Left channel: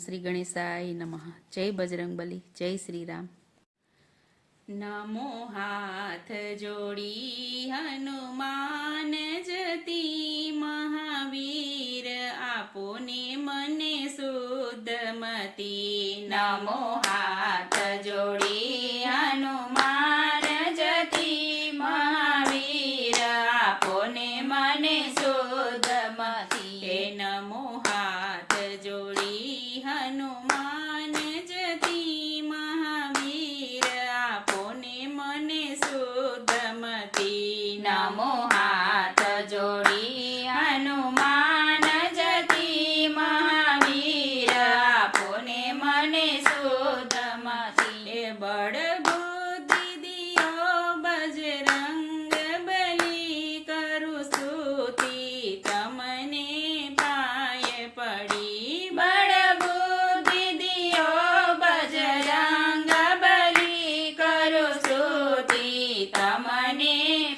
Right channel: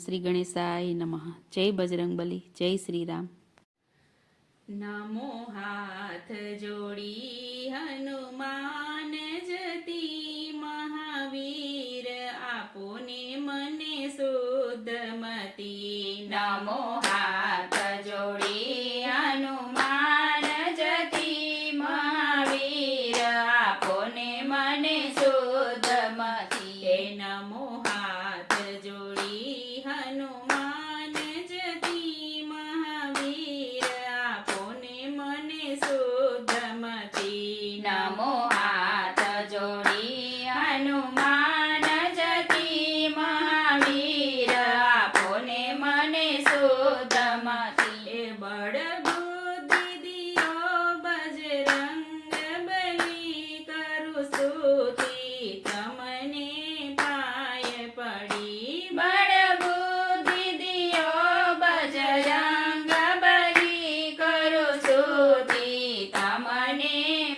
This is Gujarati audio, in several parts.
શ્રી ગણેશાય નમઃ. જય બજરંગબલી, જય શ્રી રામ. નમો હાથ જોડી હનુમાન જતી મહાવીર, આપોને મને શુદ્ધ મતી. નમો હાથ જોડી હનુમાન જતી મહાવીર, આપોને મને શુદ્ધ મતી. હે નમો હાથ જોડી હનુમાન જતી મહાવીર, આપોને મને શુદ્ધ મતી. નમો હાથ જોડી હનુમાન જતી મહાવીર, આપોને મને શુદ્ધ મતી. એ બળ બુદ્ધિ દિયો બજરંગ બલી, કરું સ્તુતિ તમને પાય પડી. બળ બુદ્ધિ દિયો બજરંગ બલી, કરું સ્તુતિ તમને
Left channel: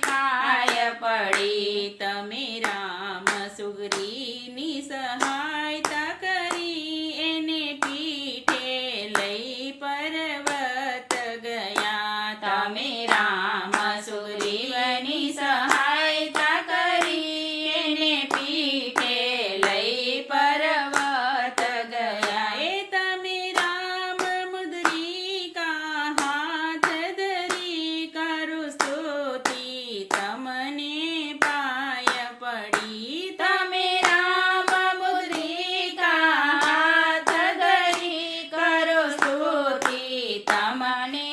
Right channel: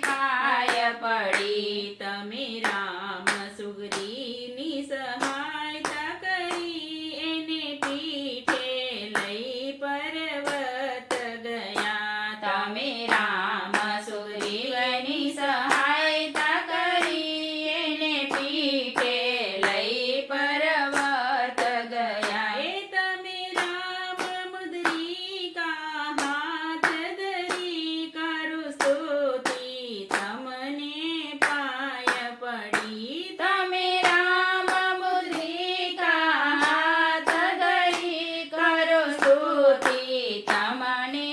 પાય પડી. તમે રામ સુગ્રીવની સહાયતા કરી, એને પીઠે લઈ પર્વત ગયા. તમે રામ સુગ્રીવની સહાયતા કરી, એને પીઠે લઈ પર્વત ગયા. એ તમે રામ મુદ્રિકા હાથ ધરી, કરું સ્તુતિ તમને પાય પડી. તમે રામ મુદ્રિકા હાથ ધરી, કરું સ્તુતિ તમને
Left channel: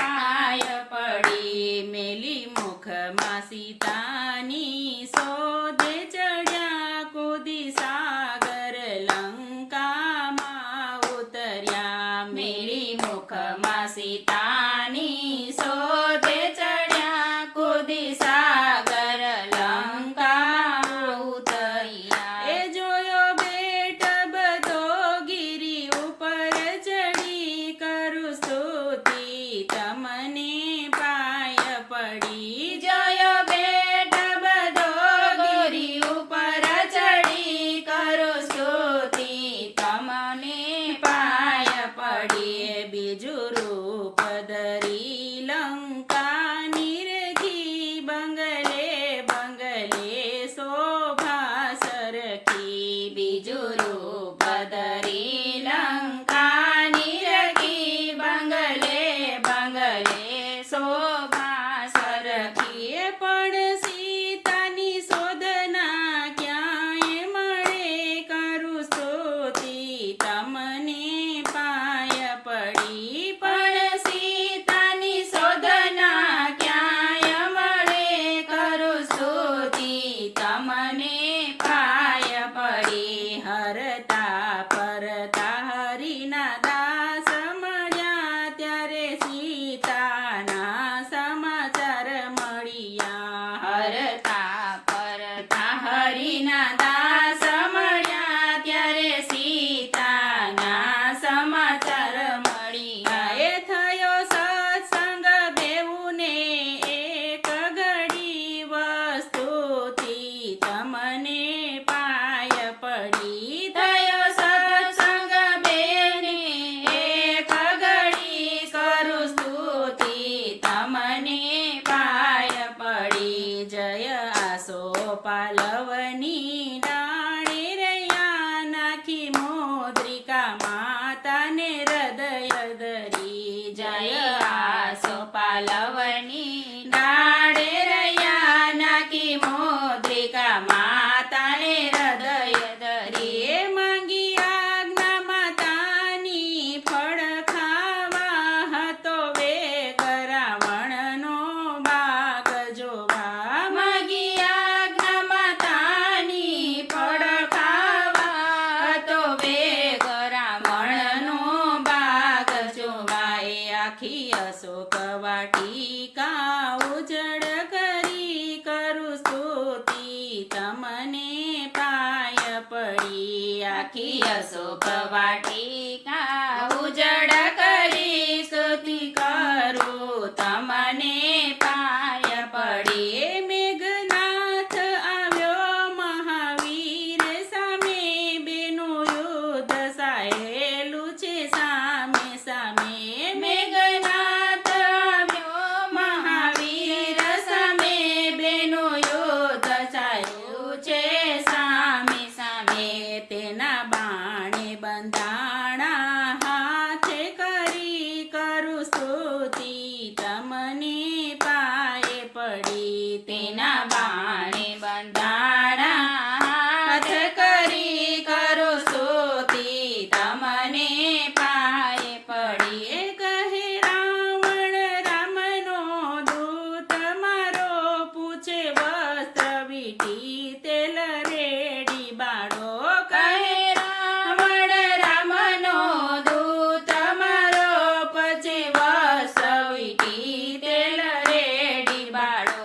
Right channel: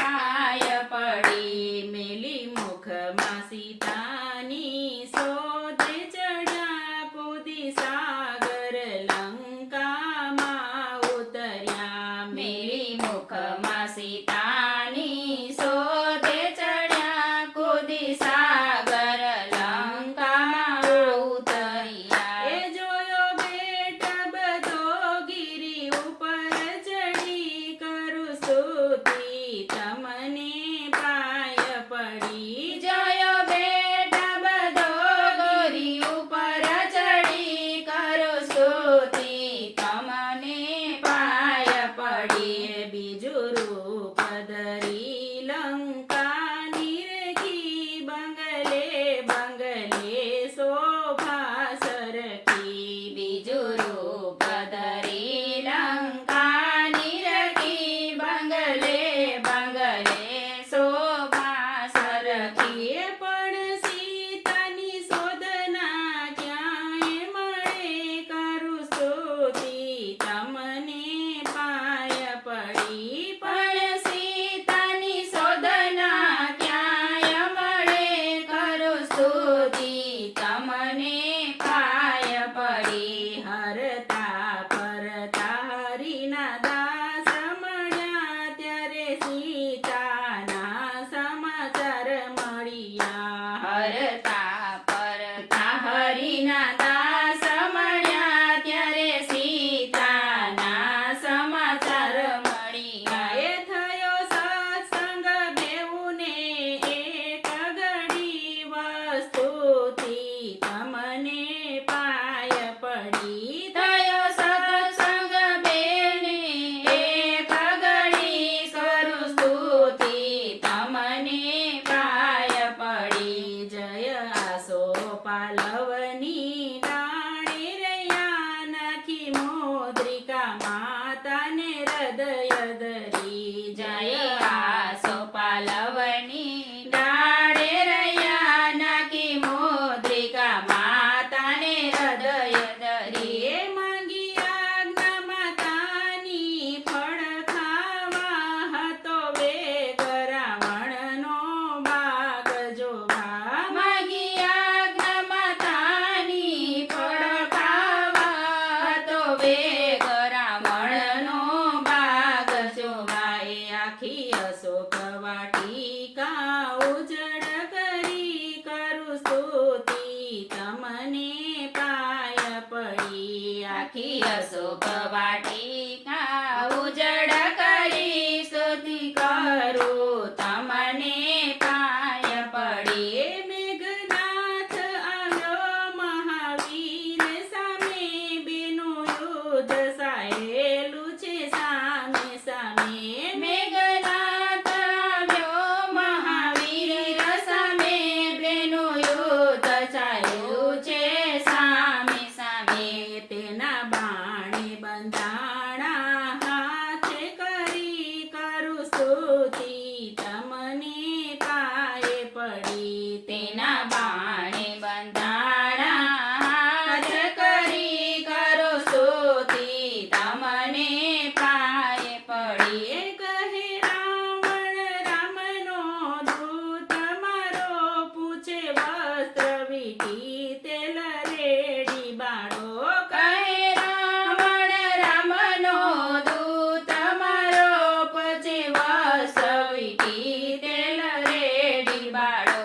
પાય પડી. મેલી મુખમાં સીતાની શોધે ચડ્યા, કૂદી સાગર લંકામાં ઉતર્યા. મેલી મુખમાં સીતાની શોધે ચડ્યા, કૂદી સાગર લંકામાં ઉતર્યા. એ જોયો બેટ બધો ગિરી ઉપર ચડી, કરું સ્તુતિ તમને પાય પડી. જોયો બેટ બધો ગિરી ઉપર ચડી, કરું સ્તુતિ તમને પાય પડી. બીજું રૂપ ધરી લંકા નિરખી, બંગલે બંગલે શોભા સરખી. બીજું રૂપ ધરી લંકા નિરખી, બંગલે બંગલે શોભા સરખી. એ પણ સીતાની શોધના ક્યાંય મળે, કરું સ્તુતિ તમને પાય પડી. પણ સીતાની શોધના ક્યાંય મળે, કરું સ્તુતિ તમને પાય પડી. હરતા પરતા હરિના દાસ મળ્યા, ત્યારે સીતાના સમાચાર મળ્યા. હરતા પરતા હરિના દાસ મળ્યા, ત્યારે સીતાના સમાચાર મળ્યા. એ થયો સત્સંગ બેઉને એક ઘડી, વસ્તુથી તમને પાય પડી. થયો સત્સંગ બેને એક ઘડી, કરું સ્તુતિ તમને પાય પડી. જય આસો પાલવની ડાળે રહ્યા, નાખી મોદ્રિકા માતાને હૃદય ધરી. જય આસો પાલવની ડાળે રહ્યા, નાખી મોદ્રિકા માતાને હૃદય ધરી. એ માંગી આજ્ઞા માતાની, ફળ ખાવા હતો વેગ રાવણનો બાગ જોવા. માંગી આજ્ઞા માતાની, ફળ ખાવા હતો વેગ રાવણનો બાગ જોવા. એ આખી અશોક વાટિકા ઉજળ કરી, કરું સ્તુતિ તમને પાય પડી. આખી અશોક વાટિકા ઉજળ કરી, સ્તુતિ કરું તમને પાય પડી. એ મેઘનાથ આવ્યો મહાવીર સામે, બેનું યુદ્ધ સાહેબ તેના બાણે બંધાણા હાથ કરી કરું સ્તુતિ તમને પાયે પડી કહે રાવણ રામનો દૂત મારો પૂછે વસ્ત્ર વીટી તેલ રેડી બાળો કહે રાવણ રામનો દૂત મારો પૂછે વસ્ત્ર વીટી તેલ રેડી બાળો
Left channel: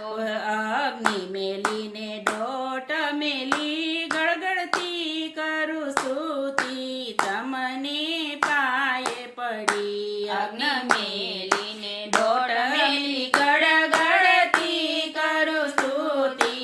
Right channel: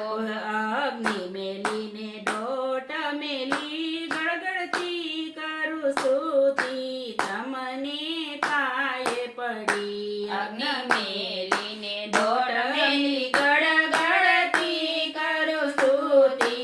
અગ્નિ મેલીને દોટ મેલી ગળગળતી કરું સ્તુતિ તમને પાયે પડી અગ્નિ મેલીને દોટ મેલી ગળગળતી કરું સ્તુતિ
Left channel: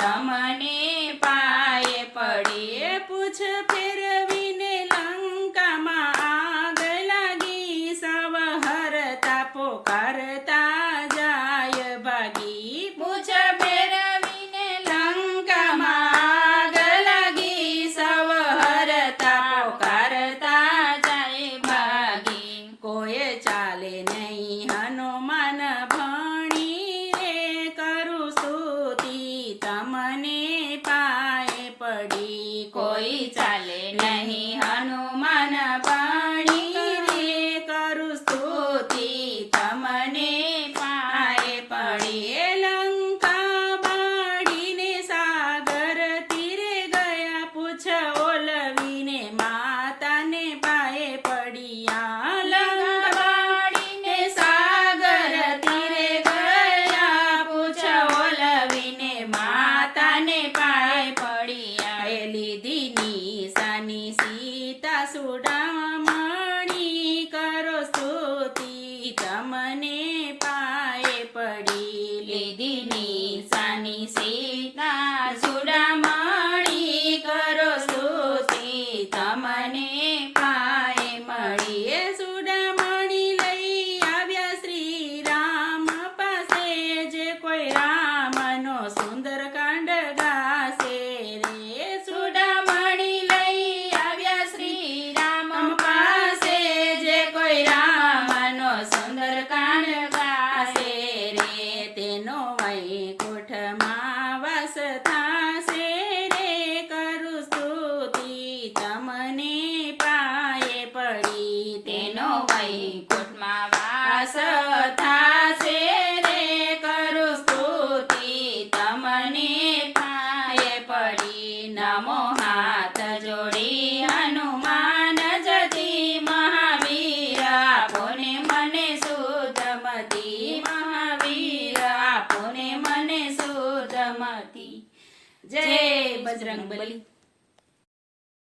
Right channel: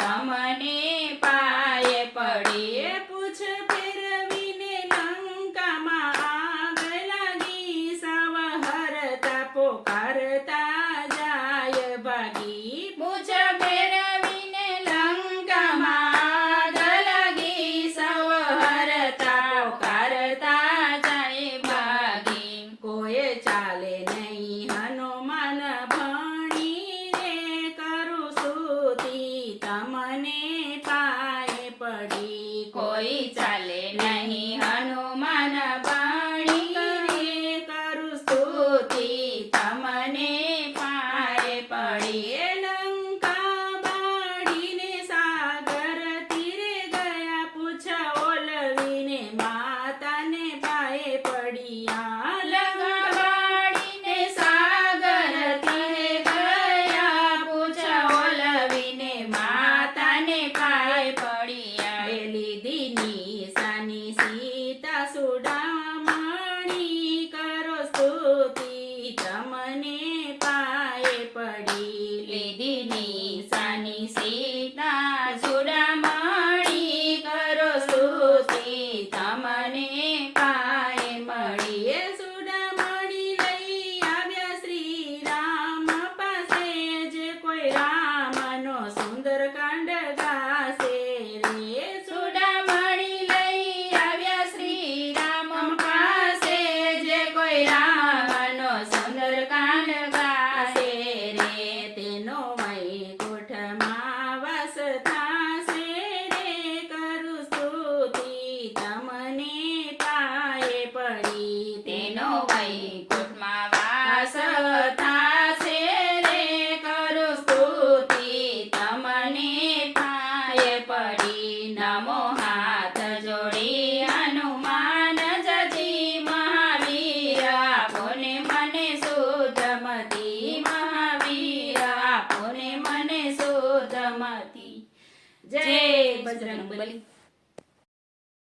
તમને પાયે પડી પૂછ ફેરવીને લંકામાં આગ લાગી સવ હરતા પોકારતા જાય ભાગી પૂછ ફેરવીને લંકામાં આગ લાગી સવ હરતા પોકારતા જાય ભાગી કોઈ ચાલે નહીં હનુમાન ભણી રે કરું સ્તુતિ તમને પાયે પડી કોઈ ચાલે નહીં હનુમાન ભણી રે કરું સ્તુતિ તમને પાયે પડી લંકા બાળીને સાગર તીરે ગયા પૂછ ઓલવીને માતાને પાયે પડ્યા લંકા બાળીને સાગર તીરે ગયા પૂછ ઓલવીને માતાને પાયે પડ્યા એ લીધી નિશાની સીતા સુડામણી કરો સ્તુતિ તમને પાયે પડી લીધી નિશાની સીતા સુડામણી કરો સ્તુતિ તમને પાયે મળી એ સુડામણી લઈ આવ્યા શ્રી રામ પાસે જે કોઈ રામનો સુંદર કાંડ ગાશે રે સુડામણી લઈ આવ્યા શ્રી રામ પાસે જે કોઈ રામનો સુંદર કાંડ ગાશે રે તેનો વૈકુંઠમાં વાસ થાશે રે કરું સ્તુતિ તમને પાયે પડી તેનો વૈકુંઠમાં વાસ થાશે રે કરું સ્તુતિ તમને પાયે પડી નમો હાથ જોડી હનુમાન જતી મહાવીર આપોને મને સુધમતી મહાવીર આપોને મને સુધમતી જય બજરંગબલી.